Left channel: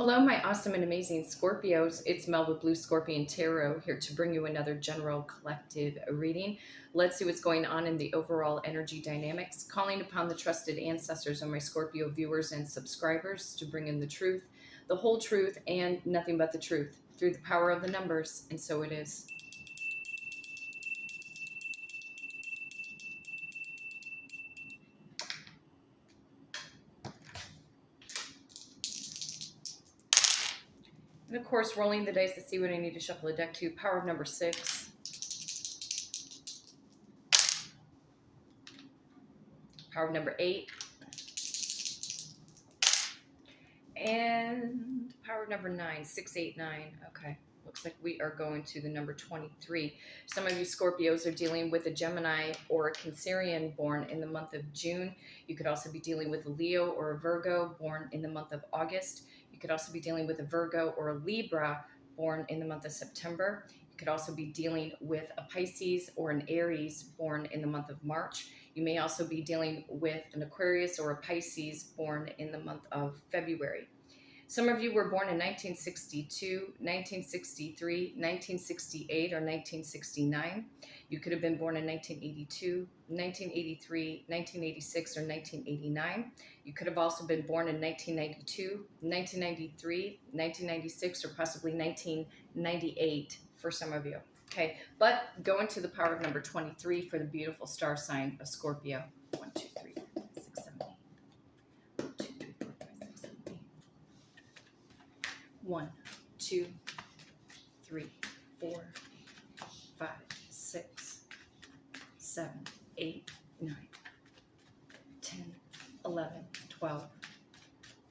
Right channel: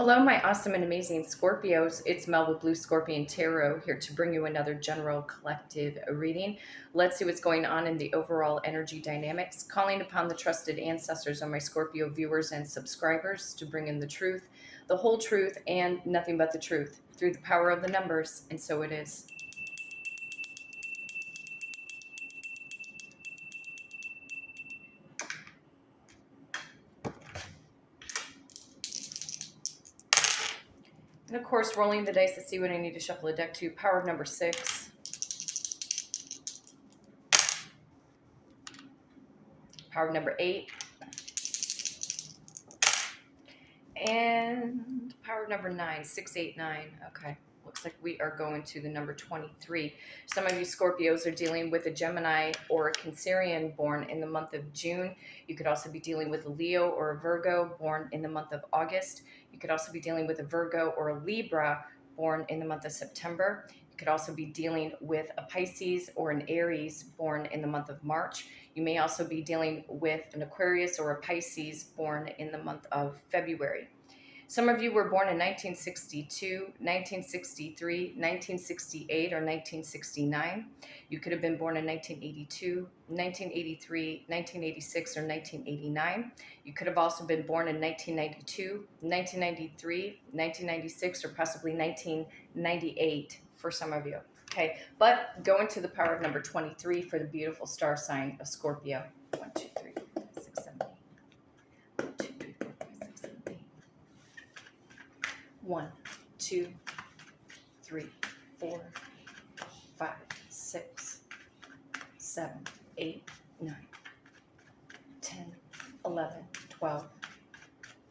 Hello, my awesome and amazing Scorpios. It's Mel with Blue Scorpion Tarot here to bring you another general collective reading. Let's see what's going on in the overall energy dynamics. Calling upon the trusted ancestors of my Scorpio viewers and subscribers to bring in the truth, the whole truth, and nothing but the truth through the power of the numbers. And so it is. And of course, rolling the dice to see what I need to shuffle a deck to. Power of number 6. Power of number 8. And power of number 9. 6, 8, 9. Okay. Looks like we are going to the number 23. Some of you Scorpios are dealing with a Gemini or a Cancerian born in the month of June. You could also be dealing with a Leo or a Virgo born in the month of August. You could also be dealing with a Virgo or a Libra born in the month of September. You could also be dealing with a Pisces or an Aries born in the month of March. You may also be dealing with an Aquarius or a Pisces born in the month of February. Some of you were born in 1962, 1963, 1968, or 1969. You could have been born in 1982, 1983, 1986, or 1989. You could have also been born in 1992, 1993, 1996, or possibly 1998 for some of you. Okay, but go into the power of number 23 for the beautiful star sign of Scorpio. 1, 2, 3, 4, 5, 6, 7, 8. 1, 2, 3, 4, 5, 6, 7, 8. 1, 2, 3, 4, 5, 6, 7, 8, 9, 10, 11, 12,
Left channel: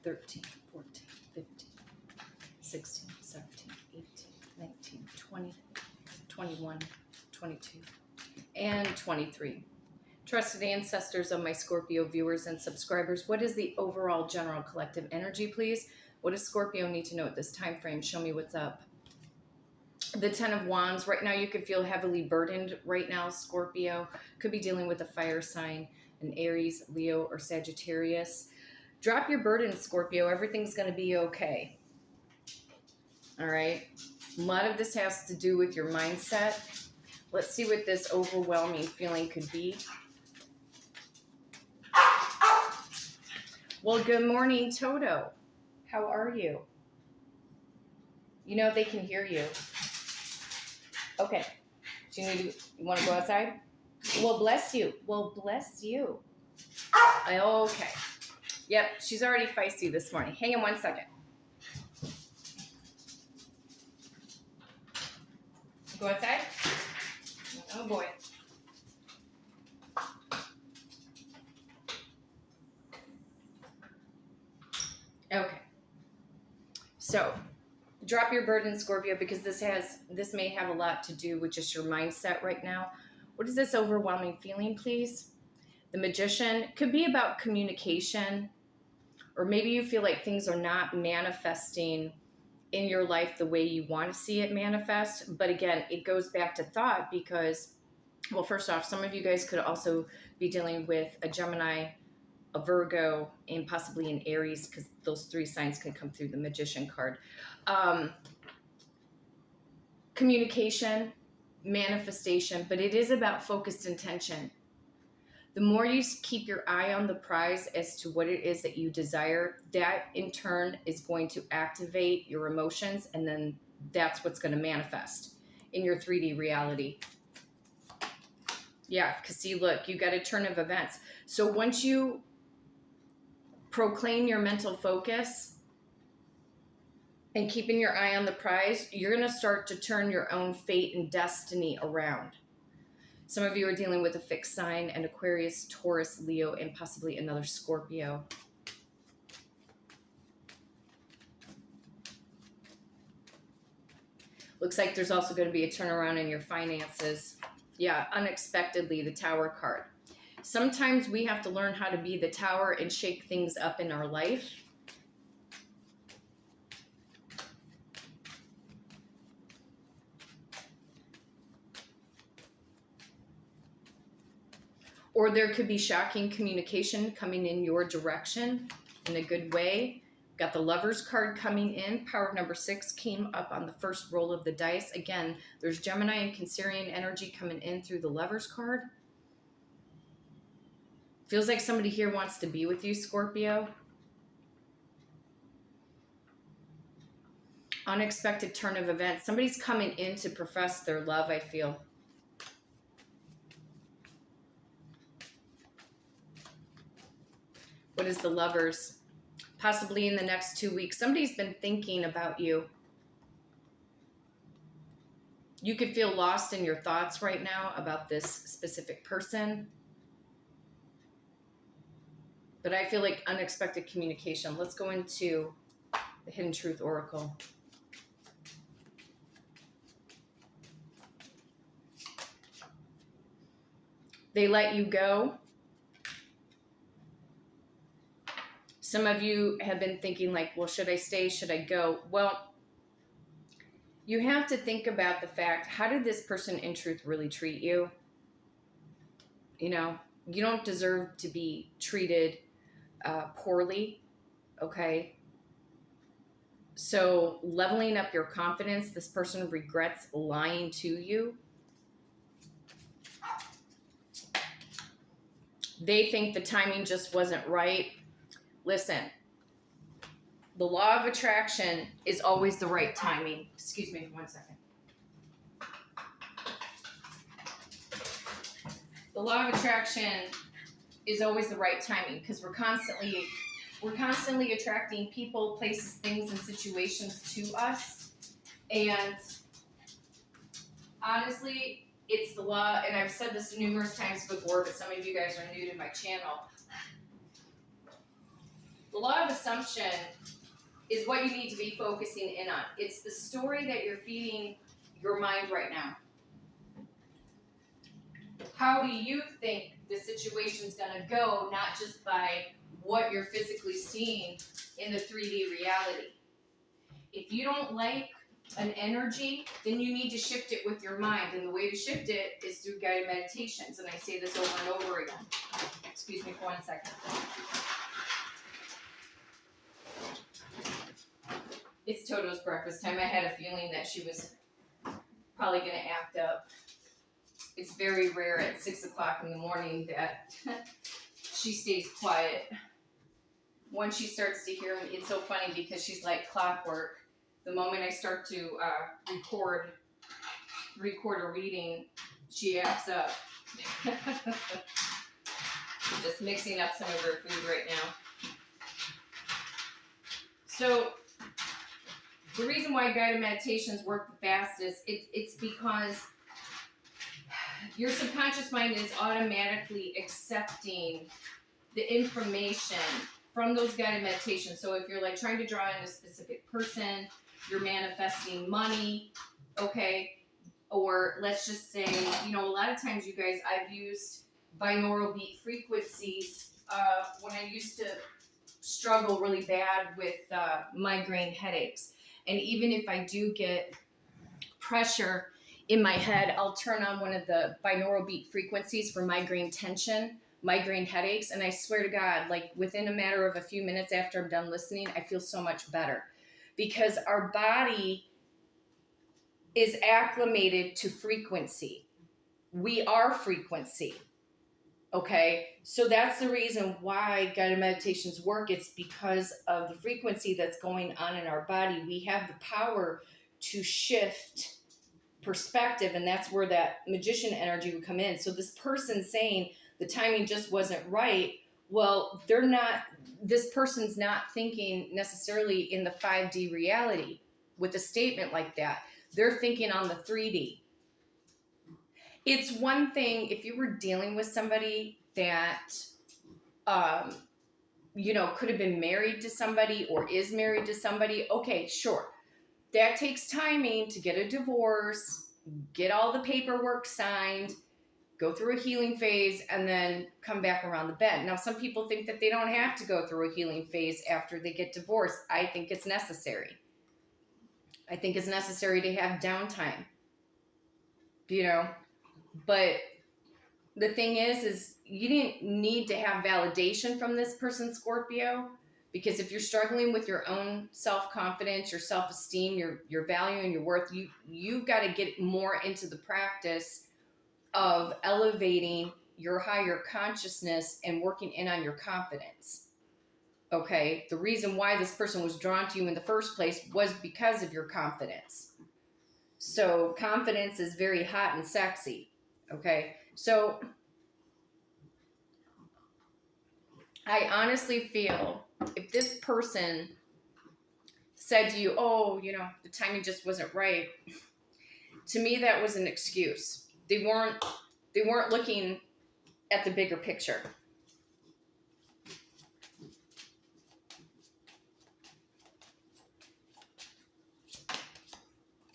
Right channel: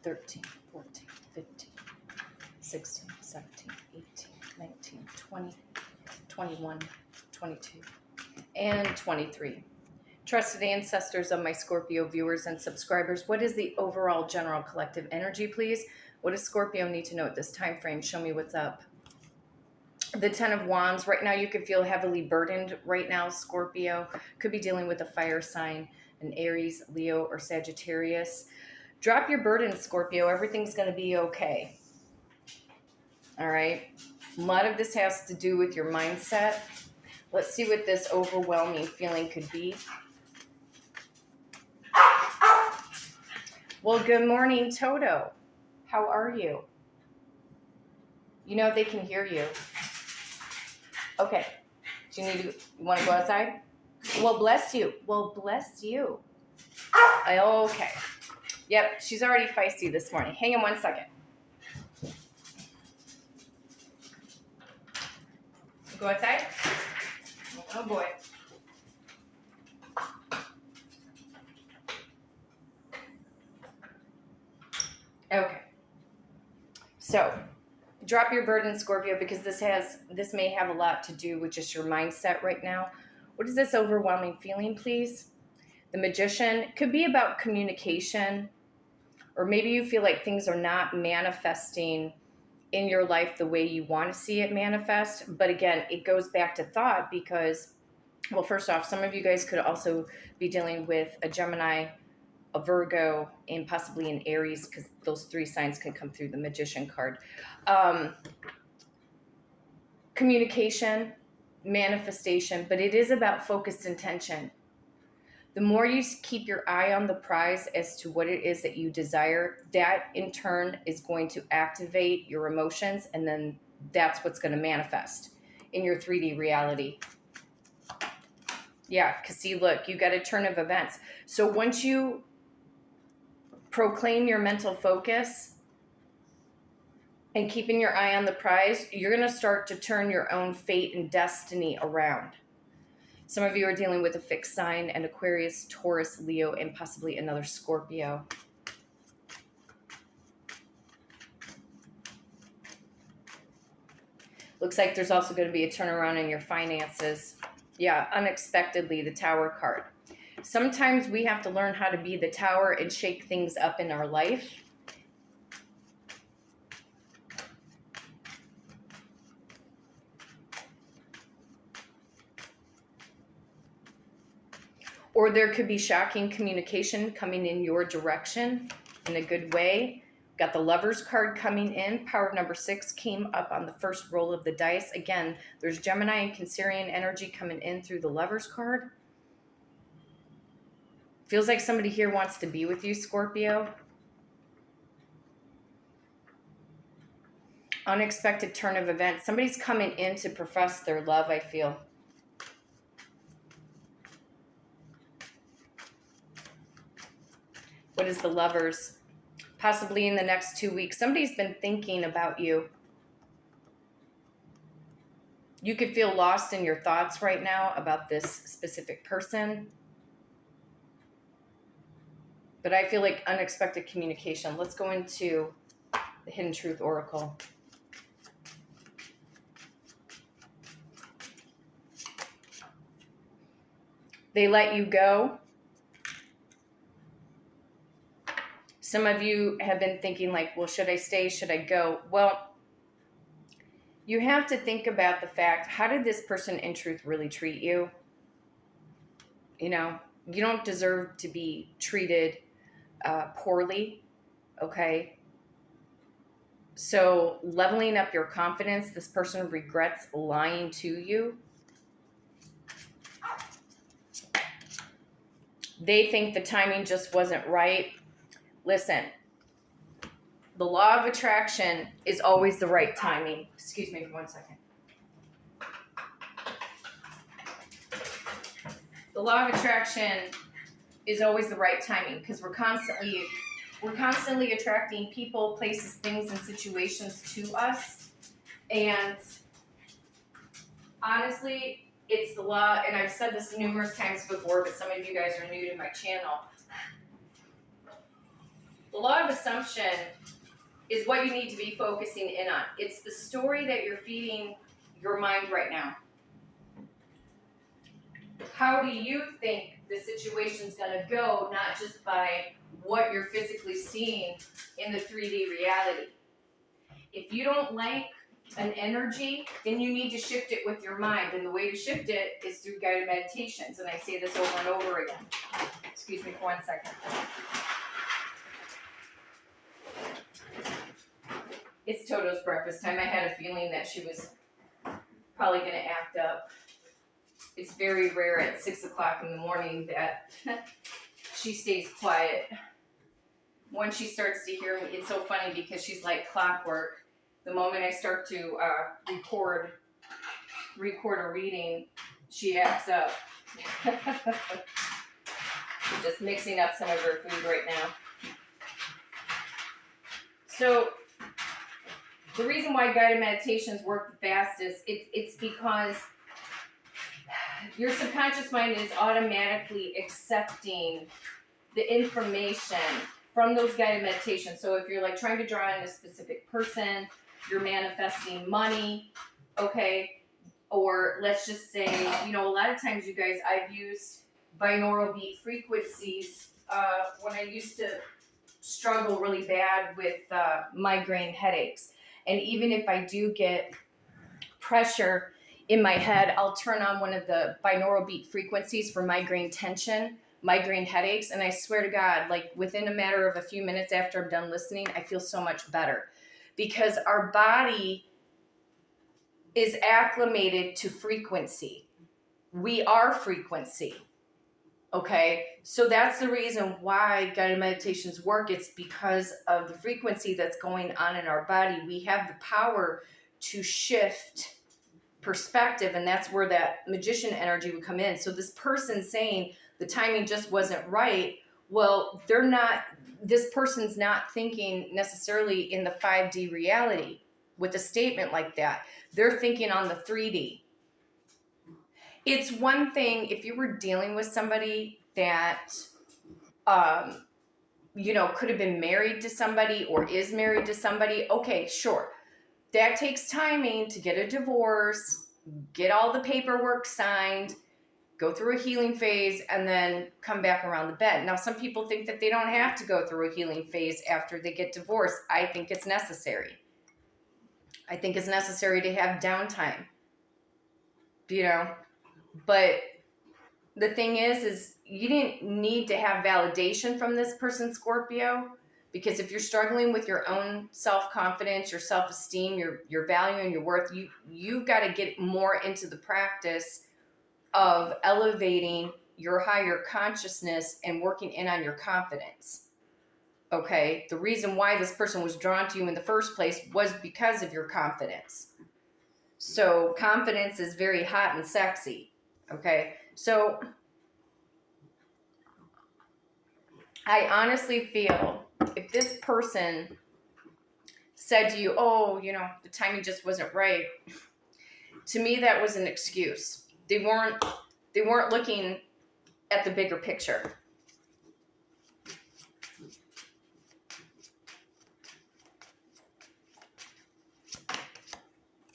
13, 14, 15, 16, 17, 18, 19, 20, 21, 22, and 23. Trusted ancestors of my Scorpio viewers and subscribers, what is the overall general collective energy, please? What does Scorpio need to know at this time frame? Show me what's up. The 10 of Wands. Right now you could feel heavily burdened right now, Scorpio. Could be dealing with a fire sign, an Aries, Leo, or Sagittarius. Drop your burden, Scorpio. Everything's going to be okay. All right. A lot of this has to do with your mindset. Let's see what this overwhelming feeling could be. Well, good morning, Toto. How are you? You know they can hear you. Okay. Do you want to go outside? Well, bless you. Well, bless you. Okay. Yep, she's already feisty this morning. Hang on 1 second. Go outside? Oh boy. Okay. So, drop your burden, Scorpio, because this may have a lot to do with just your mindset right now. What is this overwhelming feeling, please? The Magician could be about communication, or maybe you feel like things are not manifesting in your life the way you want to see it manifest. But again, it goes back to thought because, well, first off, some of you guys could also be dealing with a Gemini, a Virgo, and possibly an Aries, because those 3 signs can come through the Magician card. Communication, manifestation, but it is about focused intention. The more you keep your eye on the prize as to what it is that you desire, that in turn is going to activate your emotions, and then that's what's going to manifest in your 3D reality. Yeah, because see, look, you got a turn of events. So once you proclaim your mental focus and keeping your eye on the prize, you're going to start to turn your own fate and destiny around. Some of you are dealing with a fixed sign, an Aquarius, Taurus, Leo, and possibly another Scorpio. Looks like there's also going to be a turnaround in your finances. Yeah, unexpectedly, the Tower card. Sometimes we have to learn how to be the tower and shake things up in our life. Or there could be shocking communication coming in your direction in a good way. Got the Lovers card coming in. Power of number 6 came up on the first roll of the dice. Again, there's Gemini and Cancerian energy coming in through the Lovers card. Feels like somebody here wants to be with you, Scorpio. Unexpected turn of events. Somebody's coming in to profess their love, I feel. What is the Lovers? Possibly in the next 2 weeks. Somebody's been thinking about you. You could feel lost in your thoughts right now about this specific person. But I feel like unexpected communication. Let's go into the Hidden Truth Oracle. They let you go. Some of you have been thinking like, well, should I stay? Should I go? Well, you have to think about the fact, how did this person in truth really treat you? You know, you don't deserve to be treated poorly, okay? So leveling up your confidence, this person regrets lying to you. They think the timing just wasn't right. Listen, the law of attraction is always the right timing. Excuse me for 1 second. The law of attraction is always the right timing because we're constantly attracting people, places, things, and situations to us. And honestly, it's the law, and I've said this numerous times before, but some of you guys are new to my channel. The law of assumption is what you need to be focusing in on. It's the story that you're feeding your mind right now. How do you think the situation's going to go, not just by what you're physically seeing in the 3D reality? If you don't like an energy, then you need to shift it with your mind. And the way to shift it is through guided meditations. And I say this over and over again. Excuse me for 1 second. It's Toto's breakfast time. I had a feeling that she was probably going to act up. It's very rare at 6 o'clock in the morning that she stays quiet. When she starts to hear me, it's so funny because she's like clockwork. The moment I start to record a reading, she acts up. Just mixing up some of her food right now. So the reason why guided meditations work the fastest, it's because your subconscious mind is automatically accepting the information from those guided meditations. So if you're like trying to draw in a specific person, you're manifesting money, okay? Or let's just say, you know, a lot of times you guys, I've used binaural beat frequencies when I used to struggle really bad with migraine headaches. And even if I do get pressure in my head, I'll turn on one of the binaural beat frequencies for migraine tension, migraine headaches, and I swear to God, like within a matter of a few minutes after I'm done listening, I feel so much better. Because our body is acclimated to frequency. We are frequency. Okay? So that's the reason why guided meditations work. It's because of the frequency that's going on in our body. We have the power to shift perspective, and that's where that magician energy would come in. So this person saying the timing just wasn't right, well, this person's not thinking necessarily in the 5D reality with a statement like that. They're thinking on the 3D. It's one thing if you were dealing with somebody that, you know, could have been married to somebody or is married to somebody. Okay, sure. That takes timing to get a divorce, get all the paperwork signed, go through a healing phase, and then come back around the bend. Now, some people think that they don't have to go through a healing phase after they get divorced. I think it's necessary. I think it's necessary to have downtime, you know. But the thing is you didn't need to have validation from this person, Scorpio, Because if you're struggling with your own self-confidence, your self-esteem, your value and your worth, you've got to get more into the practice of elevating your higher consciousness and working in on your confidence. Okay? The reason why this person was drawn to you in the first place was because of your confidence. So confidence is very hot and sexy. Okay? So I honestly feel if this person said to you, oh, you know, the timing just wasn't right, to me that was an excuse. They weren't looking at the bigger picture.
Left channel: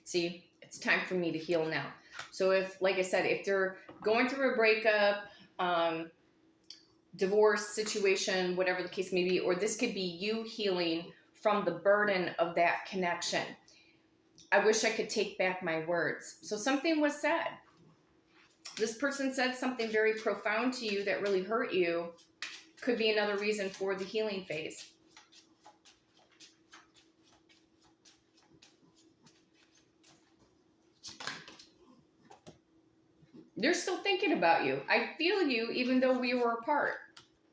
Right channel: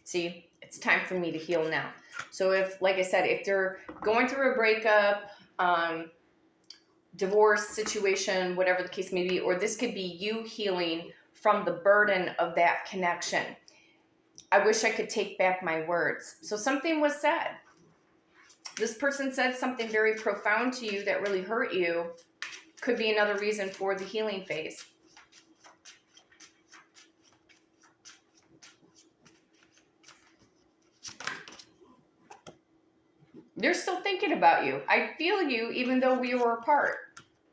See, it's time for me to heal now. So if, like I said, if they're going through a breakup, divorce situation, whatever the case may be, or this could be you healing from the burden of that connection. I wish I could take back my words. So something was said. This person said something very profound to you that really hurt you. Could be another reason for the healing phase. They're still thinking about you. I feel you even though we were apart.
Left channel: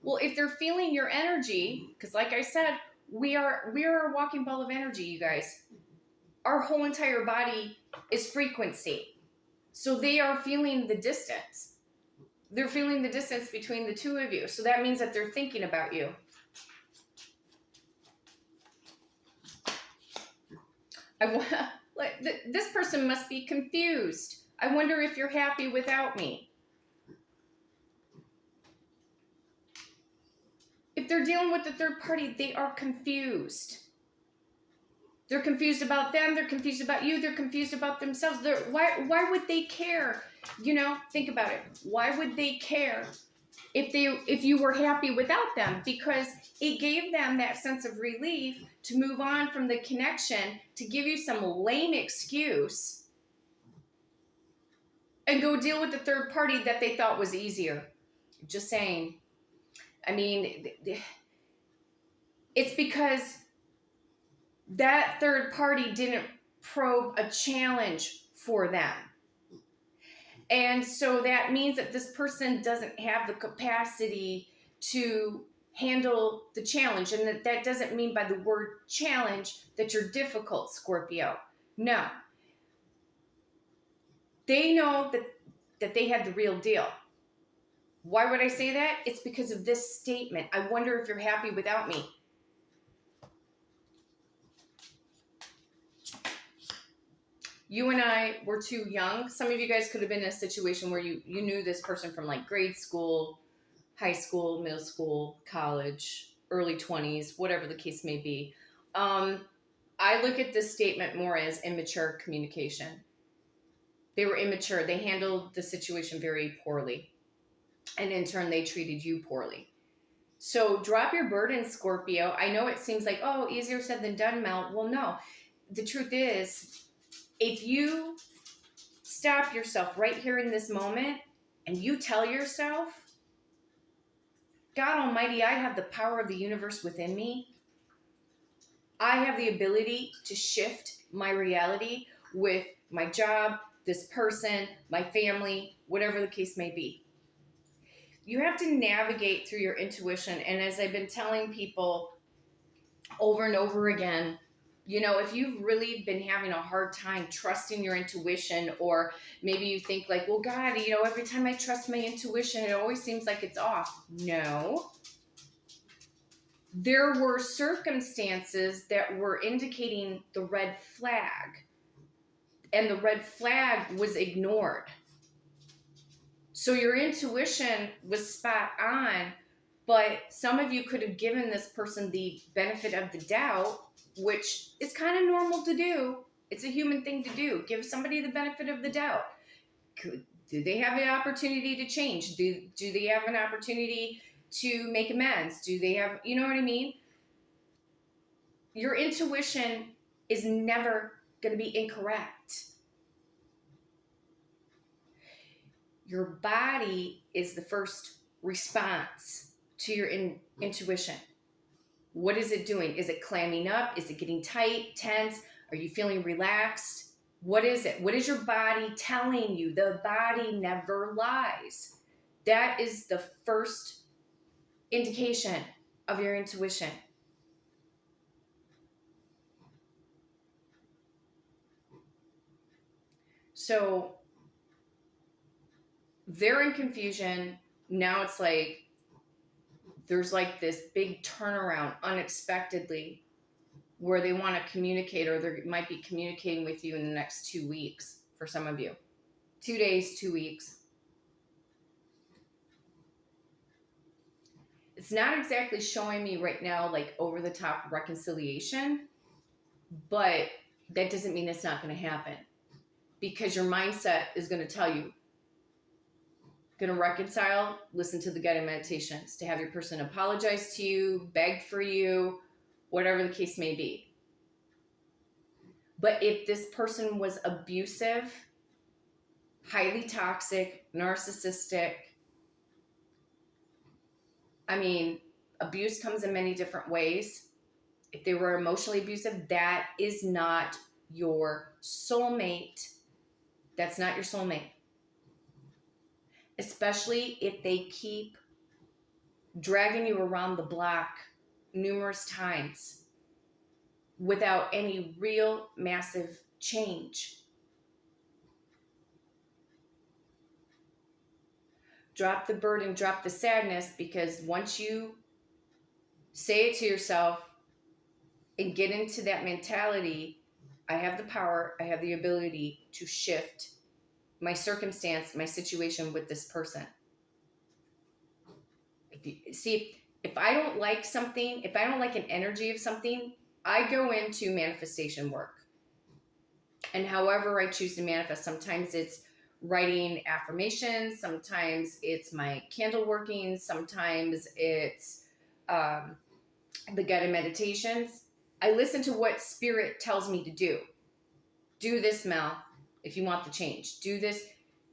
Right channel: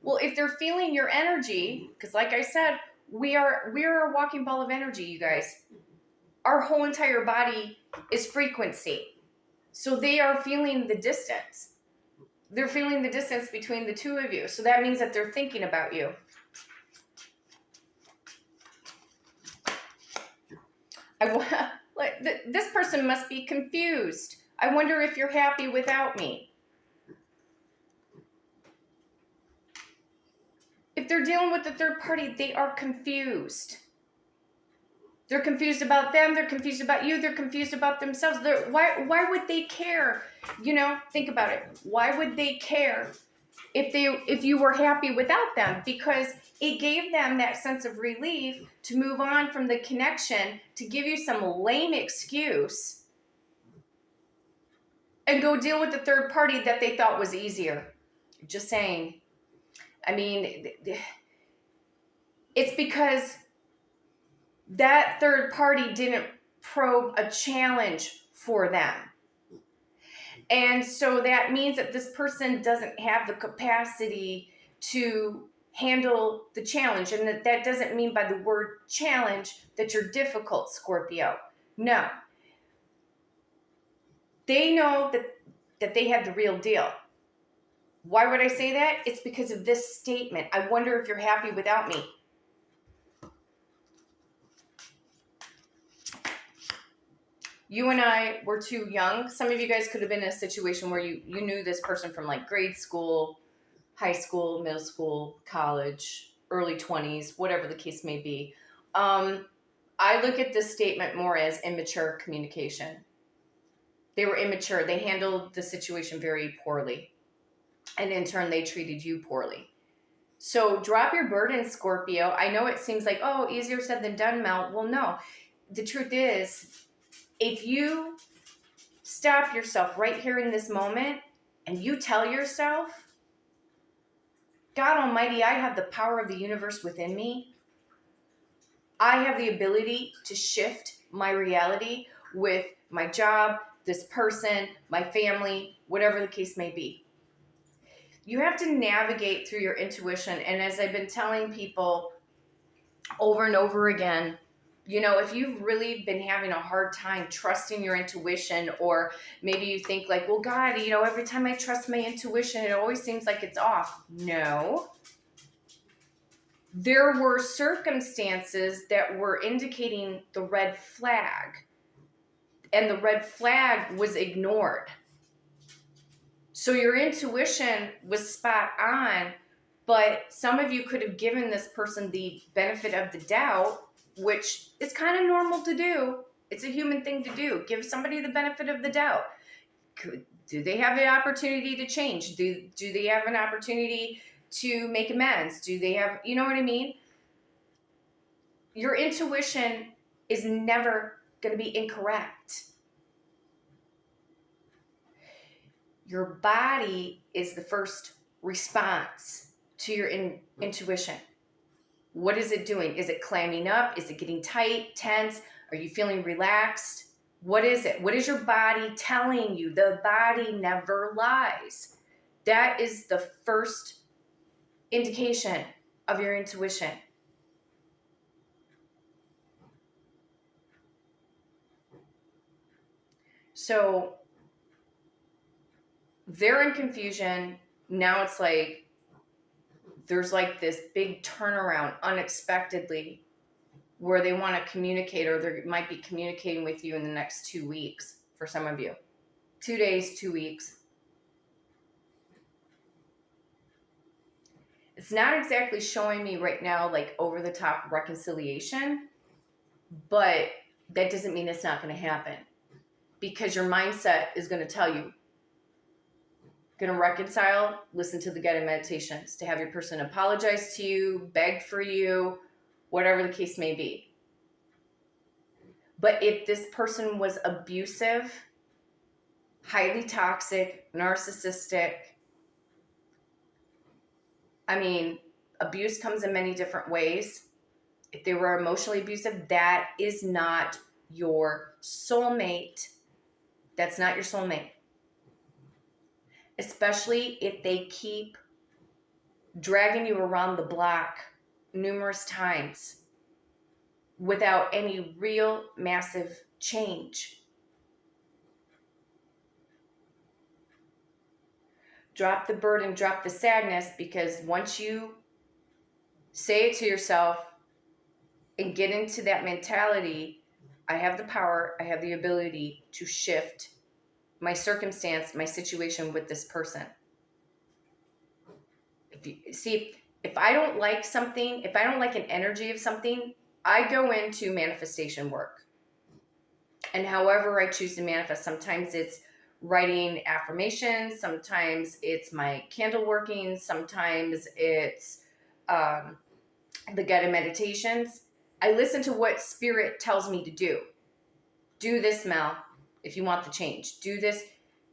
Well, if they're feeling your energy, because like I said, we are a walking ball of energy, you guys. Our whole entire body is frequency. So they are feeling the distance. They're feeling the distance between the two of you. So that means that they're thinking about you. This person must be confused. I wonder if you're happy without me. If they're dealing with the third party, they are confused. They're confused about them. They're confused about you. They're confused about themselves. Why would they care? You know, think about it. Why would they care if you were happy without them? Because it gave them that sense of relief to move on from the connection, to give you some lame excuse and go deal with the third party that they thought was easier. Just saying. I mean, it's because that third party didn't probe a challenge for them. And so that means that this person doesn't have the capacity to handle the challenge. And that doesn't mean by the word challenge that you're difficult, Scorpio. No. They know that they have the real deal. Why would I say that? It's because of this statement. I wonder if you're happy without me. You and I were too young. Some of you guys could have been in a situation where you knew this person from like grade school, high school, middle school, college, early 20s, whatever the case may be. I look at this statement more as immature communication. They were immature. They handled the situation very poorly. And in turn, they treated you poorly. So drop your burden, Scorpio. I know it seems like, oh, easier said than done, Mel. Well, no. The truth is, if you stop yourself right here in this moment and you tell yourself, God Almighty, I have the power of the universe within me. I have the ability to shift my reality with my job, this person, my family, whatever the case may be. You have to navigate through your intuition. And as I've been telling people over and over again, you know, if you've really been having a hard time trusting your intuition, or maybe you think like, well, God, you know, every time I trust my intuition, it always seems like it's off. No. There were circumstances that were indicating the red flag, and the red flag was ignored. So your intuition was spot on, but some of you could have given this person the benefit of the doubt, which is kind of normal to do. It's a human thing to do. Give somebody the benefit of the doubt. Do they have the opportunity to change? Do they have an opportunity to make amends? Do they have, you know what I mean? Your intuition is never going to be incorrect. Your body is the first response to your intuition. What is it doing? Is it clamming up? Is it getting tight, tense? Are you feeling relaxed? What is it? What is your body telling you? The body never lies. That is the first indication of your intuition. So they're in confusion. Now it's like there's like this big turnaround unexpectedly where they want to communicate, or they might be communicating with you in the next 2 weeks for some of you. 2 days, 2 weeks. It's not exactly showing me right now like over the top reconciliation, but that doesn't mean it's not going to happen, because your mindset is going to tell you, going to reconcile, listen to the guided meditations, to have your person apologize to you, beg for you, whatever the case may be. But if this person was abusive, highly toxic, narcissistic, I mean, abuse comes in many different ways. If they were emotionally abusive, that is not your soulmate. That's not your soulmate. Especially if they keep dragging you around the block numerous times without any real massive change. Drop the burden, drop the sadness, because once you say it to yourself and get into that mentality, I have the power, I have the ability to shift my circumstance, my situation with this person. If I don't like something, if I don't like an energy of something, I go into manifestation work. And however I choose to manifest, sometimes it's writing affirmations, sometimes it's my candle working, sometimes it's the guided meditations. I listen to what spirit tells me to do. Do this, Mel, if you want the change. Do this,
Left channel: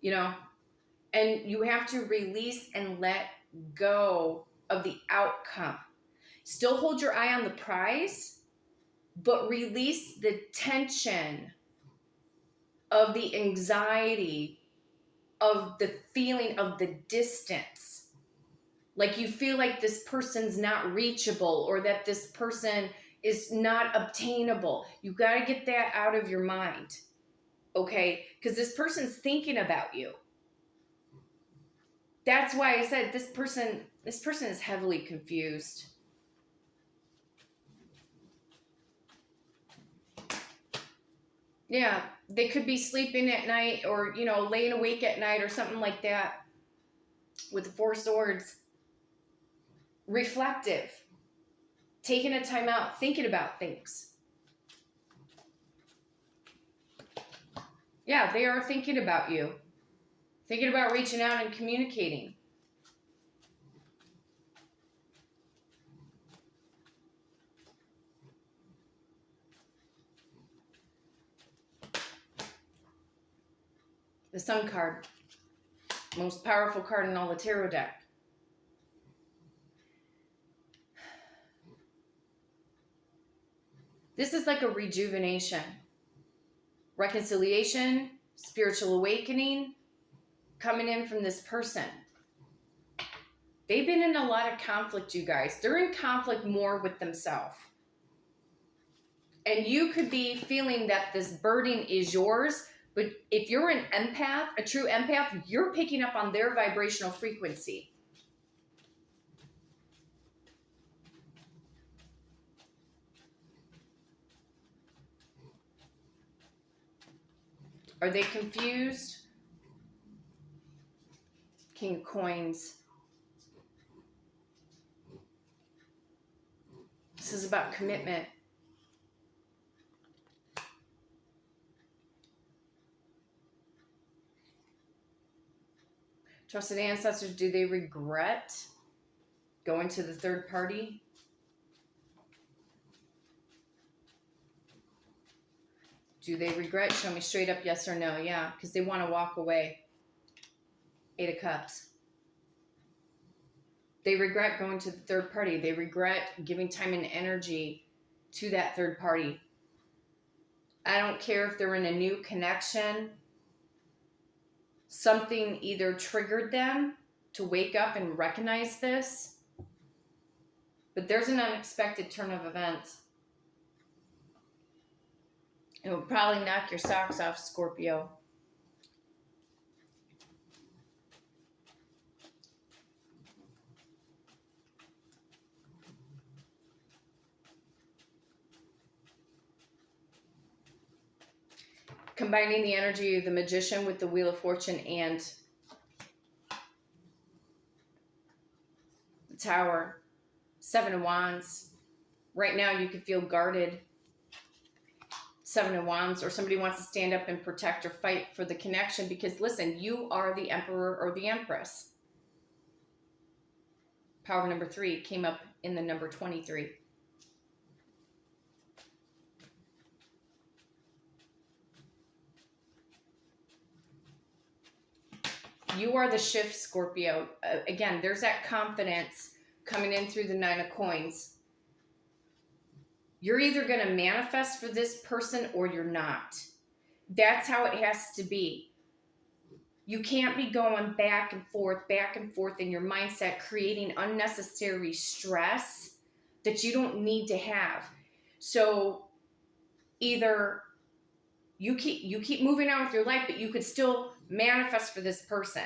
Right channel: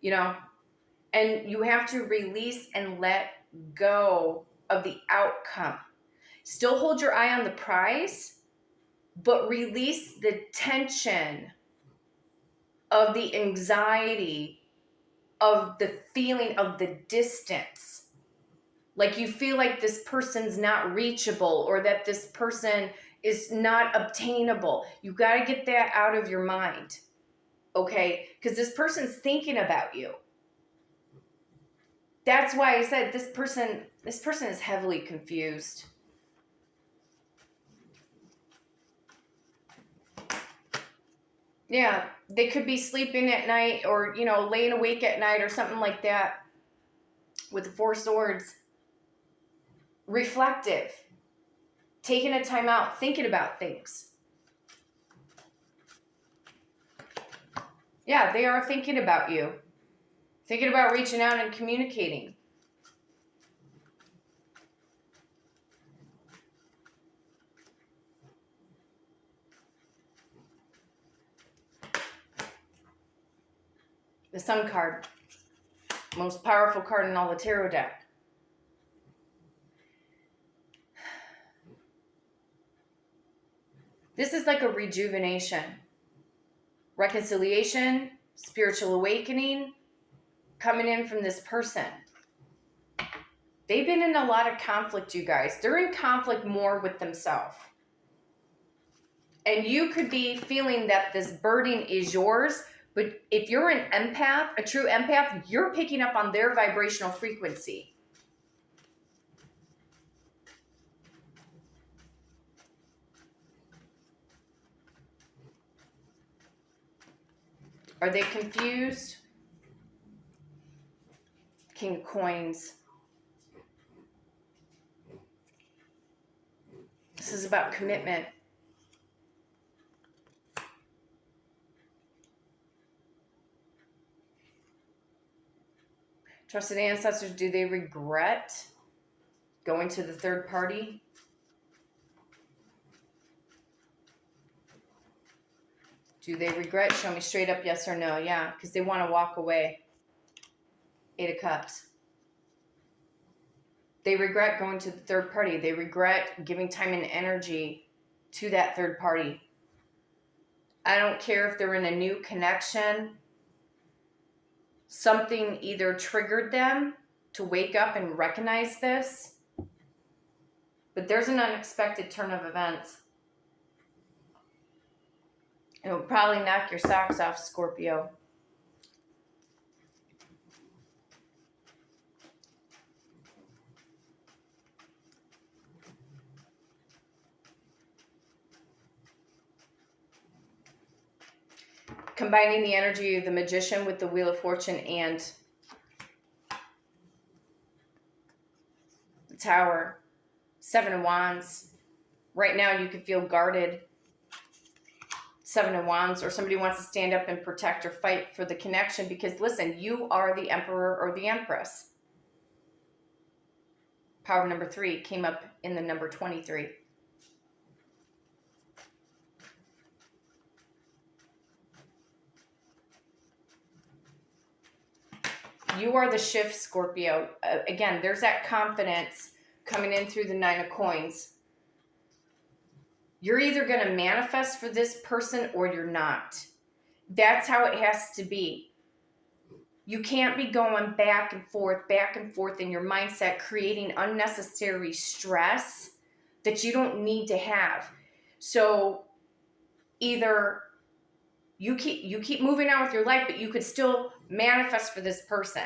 and you have to release and let go of the outcome. Still hold your eye on the prize, but release the tension of the anxiety, of the feeling of the distance. Like you feel like this person's not reachable, or that this person is not obtainable. You got to get that out of your mind, okay? Because this person's thinking about you. That's why I said this person is heavily confused. Yeah, they could be sleeping at night, or, laying awake at night or something like that with the Four Swords. Reflective. Taking a time out, thinking about things. Yeah, they are thinking about you. Thinking about reaching out and communicating. The Sun card. Most powerful card in all the tarot deck. This is like a rejuvenation, reconciliation, spiritual awakening coming in from this person. They've been in a lot of conflict, you guys. They're in conflict more with themselves. And you could be feeling that this burden is yours, but if you're an empath, a true empath, you're picking up on their vibrational frequency. Are they confused? King of Coins. This is about commitment. Trusted ancestors, do they regret going to the third party? Do they regret? Show me straight up yes or no. Yeah, because they want to walk away. 8 of Cups. They regret going to the third party. They regret giving time and energy to that third party. I don't care if they're in a new connection. Something either triggered them to wake up and recognize this, but there's an unexpected turn of events. It will probably knock your socks off, Scorpio. Combining the energy of the Magician with the Wheel of Fortune and the Tower. 7 of Wands. Right now you could feel guarded. 7 of Wands, or somebody wants to stand up and protect or fight for the connection because, listen, you are the Emperor or the Empress. Power number 3 came up in the number 23. You are the shift, Scorpio. Again, there's that confidence coming in through the 9 of Coins. You're either going to manifest for this person or you're not. That's how it has to be. You can't be going back and forth in your mindset, creating unnecessary stress that you don't need to have. So either you keep moving on with your life, but you could still manifest for this person.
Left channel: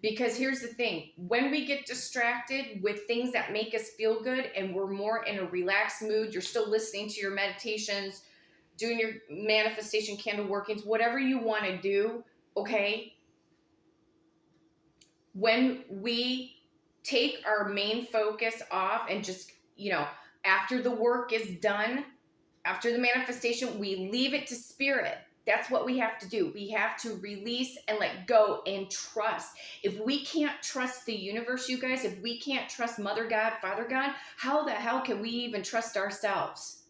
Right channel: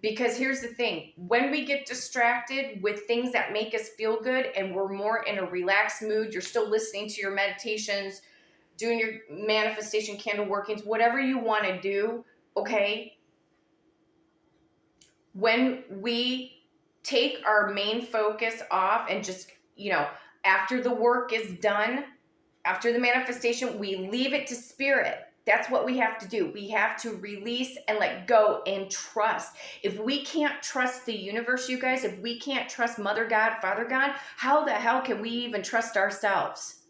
Because here's the thing, when we get distracted with things that make us feel good and we're more in a relaxed mood, you're still listening to your meditations, doing your manifestation candle workings, whatever you want to do, okay? When we take our main focus off and just, after the work is done, after the manifestation, we leave it to spirit. That's what we have to do. We have to release and let go and trust. If we can't trust the universe, you guys, if we can't trust Mother God, Father God, how the hell can we even trust ourselves?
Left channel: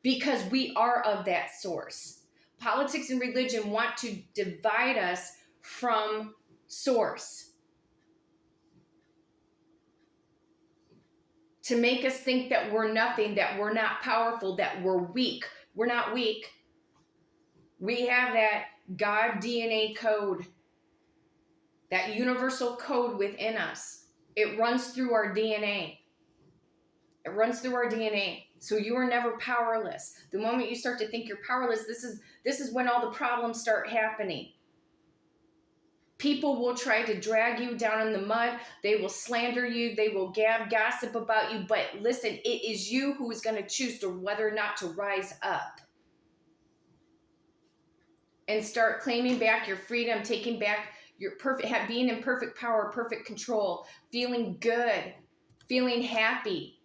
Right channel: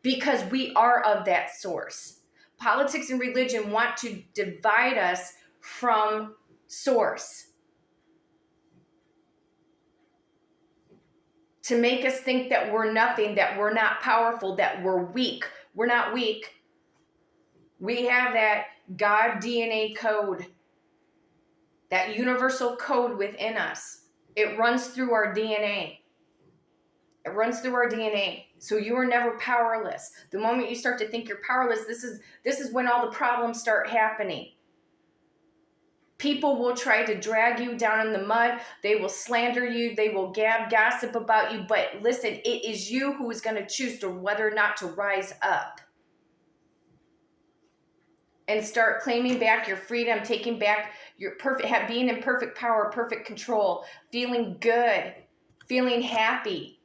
Because we are of that source. Politics and religion want to divide us from source, to make us think that we're nothing, that we're not powerful, that we're weak. We're not weak. We have that God DNA code, that universal code within us. It runs through our DNA. It runs through our DNA. So you are never powerless. The moment you start to think you're powerless, this is when all the problems start happening. People will try to drag you down in the mud. They will slander you. They will gossip about you. But listen, it is you who is going to choose to whether or not to rise up and start claiming back your freedom, taking back your being in perfect power, perfect control, feeling good, feeling happy.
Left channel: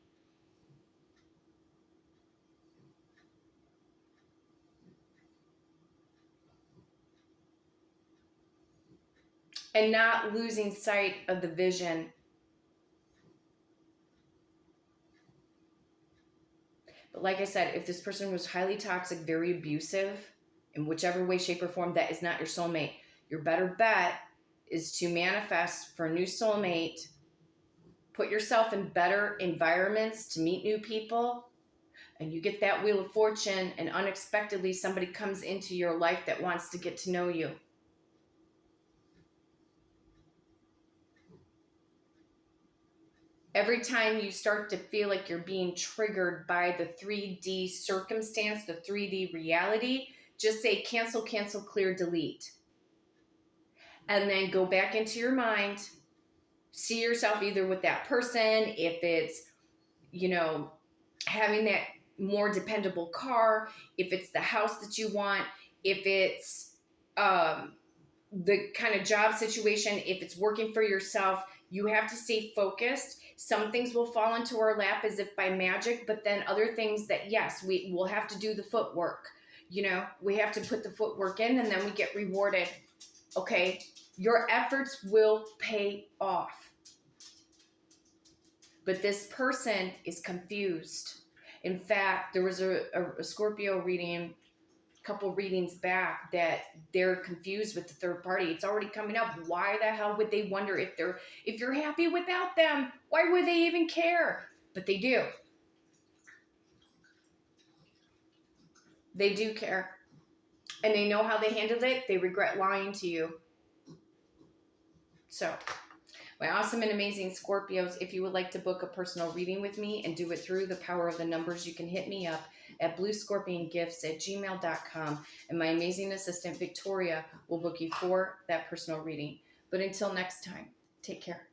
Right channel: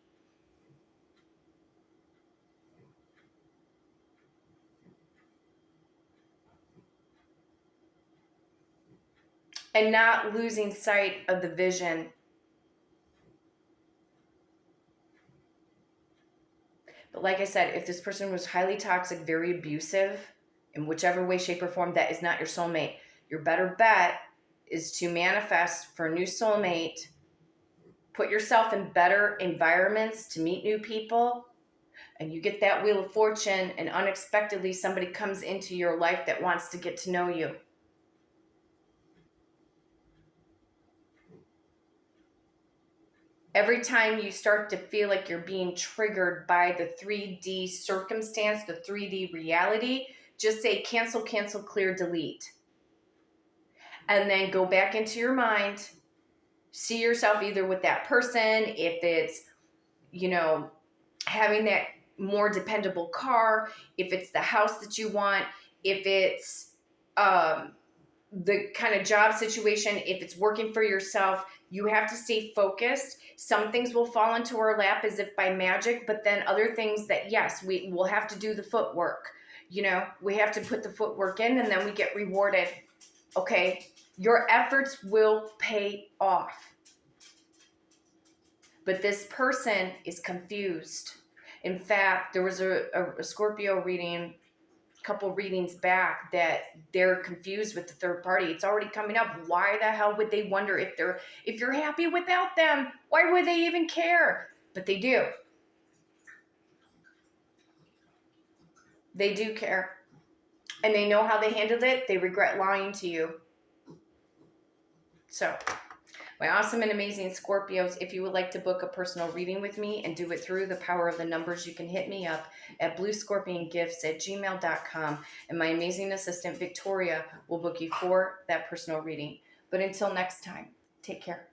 And not losing sight of the vision. But like I said, if this person was highly toxic, very abusive, in whichever way, shape, or form, that is not your soulmate. Your better bet is to manifest for a new soulmate, put yourself in better environments to meet new people, and you get that Wheel of Fortune, and unexpectedly somebody comes into your life that wants to get to know you. Every time you start to feel like you're being triggered by the 3D circumstance, the 3D reality, just say cancel, cancel, clear, delete. And then go back into your mind. See yourself either with that person, if it's, having that more dependable car, if it's the house that you want, if it's the kind of job situation, if it's working for yourself, you have to stay focused. Some things will fall into our lap as if by magic, but then other things that, yes, we will have to do the footwork. We have to put the footwork in and then we get rewarded. Okay? Your efforts will pay off. But this person is confused. In fact, there was a Scorpio reading couple readings back that they're confused with the third party. It's already coming up. Why the hell would they wonder if you're happy without them? Why would they even care? But they do. They do care. And they know how they handled it. They regret lying to you. So, my awesome and amazing Scorpios, if you would like to book a personal reading with me and do it through the power of the numbers, you can hit me up at bluescorpiongifts@gmail.com. And my amazing assistant, Victoria, will book you for that personal reading. But until next time, take care.